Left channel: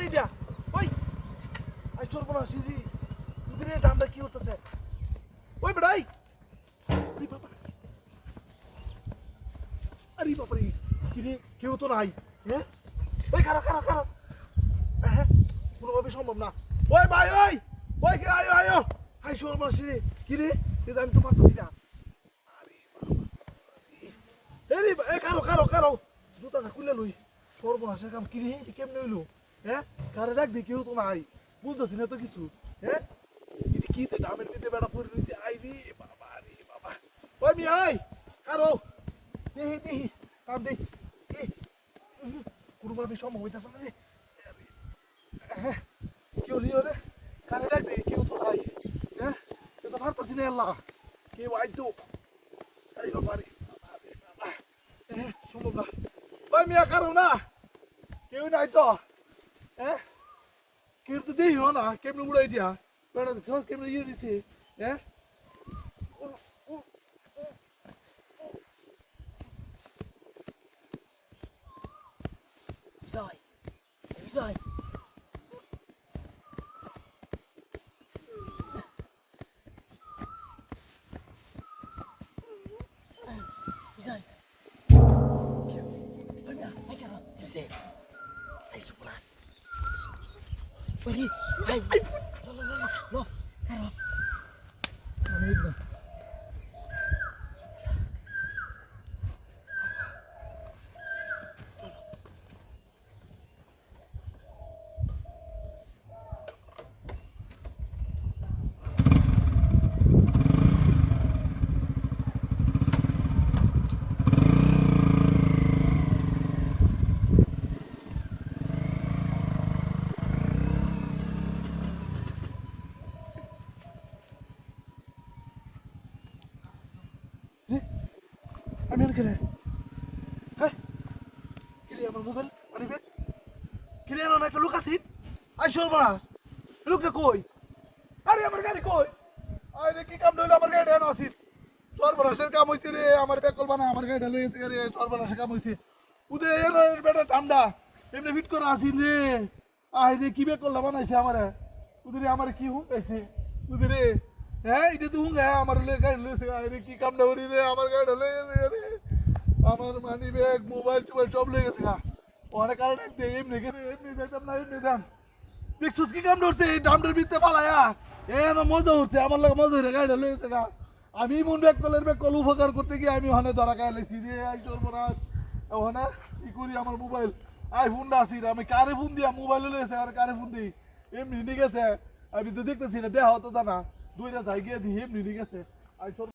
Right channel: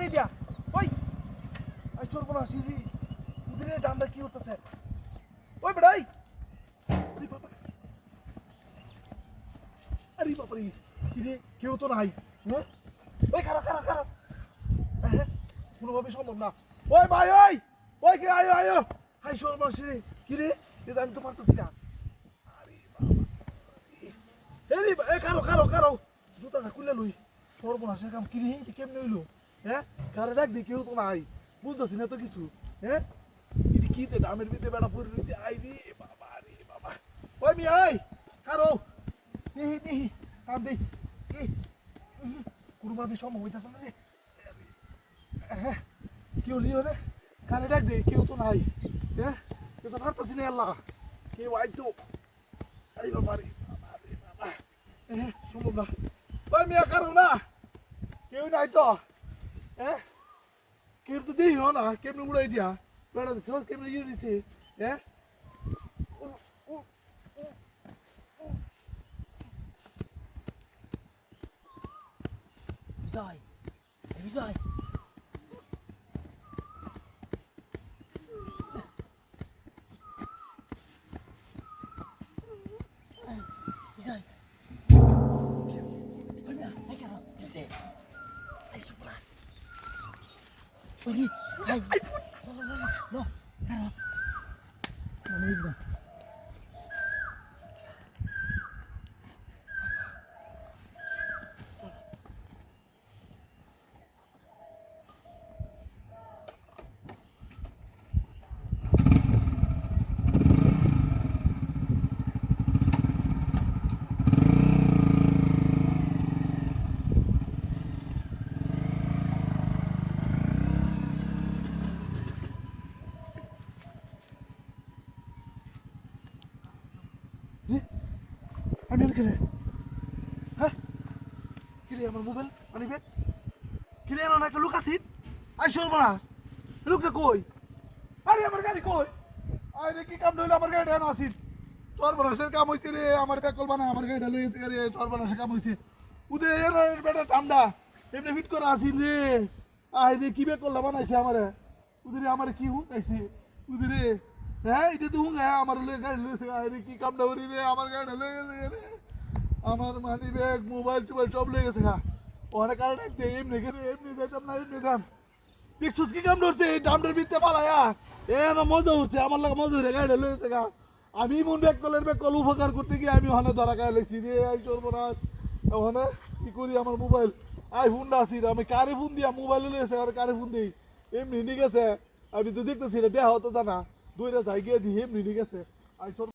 রে এটা ওই আই চোর বলা সিজি উদরে ডান্ডা কি হতেছে ওই বেড়াই আরে বাবা আরে বাবা রে কি রে কেউ তো নাই হ্যাঁ ওই খারাপ খারাপ খারাপ হ্যাঁ কোনোভাবে সম্ভব না ওই ভাই ওই ওই কে আয়ো আয়ো আই চোর বলা সিজি কি রে এটা আমি তো মারতেছি না আরে বাবা এই খারাপ খারাপ খারাপ দুটা না খুলে লই চোর বলা সে কাম কি রে কেমনে হইলো হ্যাঁ কারে ডাক দি কেউ তো নাই বুঝতেছি না তো কিছু হ্যাঁ এটা কি তে ডামের ভিতরে বেড়া পড়ে রয়েছে আই রে বাবা রে বাবা ওই মি আই কারো দেহি দেহি কাম দেহি কুরবানি সম্ভব হইতাছে না রে হ্যাঁ কেউ লিও রে কারে ডাক দি কেউ তো নাই হ্যাঁ এটা পারতাছি না আল্লাহ কেউ আইতো আরে বাবা রে বাবা হ্যাঁ সম্ভব না ওই মিয়া কারো না কেউ নাই তো হ্যাঁ কেউ তো দেই না কেমনে উড়াই দিয়া বেড়া দেখছ কেমনে ইয়ে দিছে হ্যাঁ যাই যাই যাই Ay, caro, yo sé. Ay, chocolate. Oye, ay, ay, no, caro. No, no. আমি আর কেলে হ্যাঁ কিরে আমার মোবাইল মানি ব্যাগ কিরে না একটা লুক আছিস আইসো বড়া লুকটা কই আরে আমার গাড়ি কই আরে কি কাম হইলো আমার গাড়িটা না আসিস চোর বড়াসের কাম হইছে রে আমার ব্যাগ কল বানা আমার গাড়িটা লইছে রে চোর বড়াসের কাম হইছে উদে এর বেটা ঠান্ডা এমনি ফিট করা আসিস রে আই রে কি ব্যাগ কল বানাইছে আমারে উদে আমারে কি হুকাইছে উদে রে হ্যাঁ এটা তো হুঙ্গা আমার গাড়ি লইছে আরে কি কাম না করি রে আমার গাড়িটা লইছে রে আমার মানি ব্যাগ মোবাইল টোবাইল সব লয়ে গেছে গা অনেক কারণে এমনি যেতাম না এমনি দাম দেখছিস কি কাম ধরছে এই দামটার ভিতরে পালায়া মজা উঠছে আমার লাগে মজা হয়ে গাড়িটা লয়ে গেছে গা আমি মন ব্যাগ কল উপকার করতে গিয়ে আমি ওখানে ধরা খাই লাইছি রে আই চলবো না ওখানে কি করি আমার মোবাইল আইফোনটা আসি রে আমি কারে ফোন দিয়া মোবাইল লয়ে গেছে আর কারে ফোন দিই এমনি নিয়ে গেছে আমি তো দেখতেছি না দেহ তো জানা দুইটা যাই গিয়ে দিই এমনি নিয়ে গেছে আই